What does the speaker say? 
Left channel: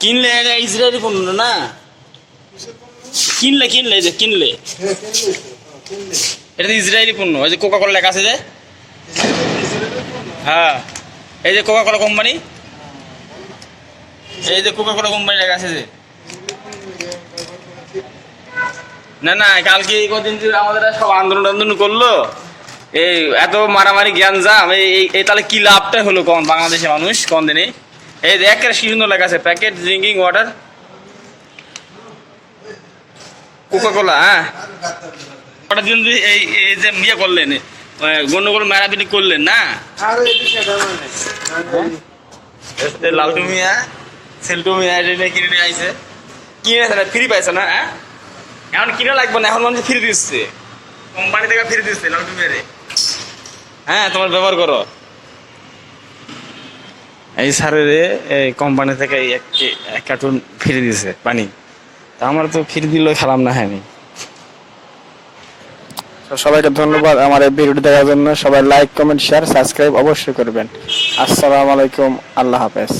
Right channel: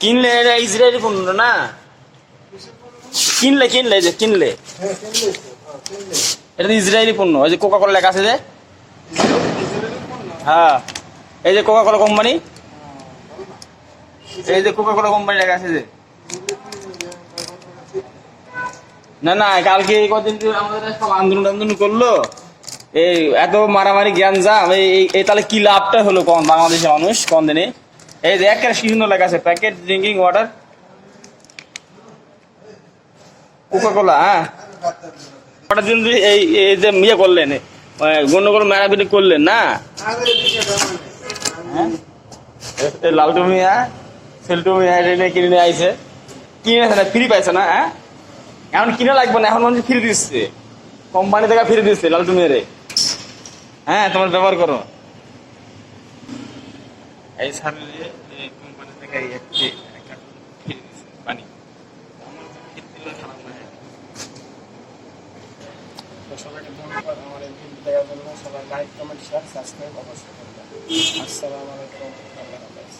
কিনলে এটা ইসরায়েলি পণ্য না, কিনলে কিনলে যে কিনলে এটা তো ইসরায়েলি পণ্য। ওই যে কোকা কোলা লেখা আছে যে, হ্যাঁ এই যে কোকা কোলা কোম্পানি, এই যে কোকা কোলা কোম্পানি লেখা আছে যে। না না, কালকে এই কদিন আমাদের সব আন্দোলন করলো, এই এত মারামারি জ্ঞান জাম, এই তাহলে কি লাভটা হলো কোন বাংলাদেশের মানুষ কোন দিনে? এই যে একের কি সুন্দর লেখা আছে, packet drinking water Coca Cola. হ্যাঁ ওটার জন্য এই এই যে ইয়ে করলেন, গন্ডগোল মারাপিটি করলেন না। লালটু মিয়া সেলটু মিয়া এটা কিনে নিয়ে আইছে, কিনে ফ্রি পাইছে না। হ্যাঁ এখন কিনে লাগবে না, এখন মানুষ ফ্রি দিচ্ছে, কোম্পানি থেকে ফ্রি দিচ্ছে লালটু মিয়ারে। হ্যাঁ তোমার ব্যবহার করো। এই স্যারের এই কোম্পানি থেকে এক কার্টুন ফ্রি দিছে পানি, তা আমার তো ফ্রি দিল খেলাম না। হ্যাঁ আমি সবাইকে ধন্যবাদ আমার এই ভিডিওটি দেখার জন্য। সবাই লাইক, কমেন্ট, শেয়ার, সাবস্ক্রাইব অবশ্যই করবেন। আসসালামু আলাইকুম, আল্লাহ হাফেজ।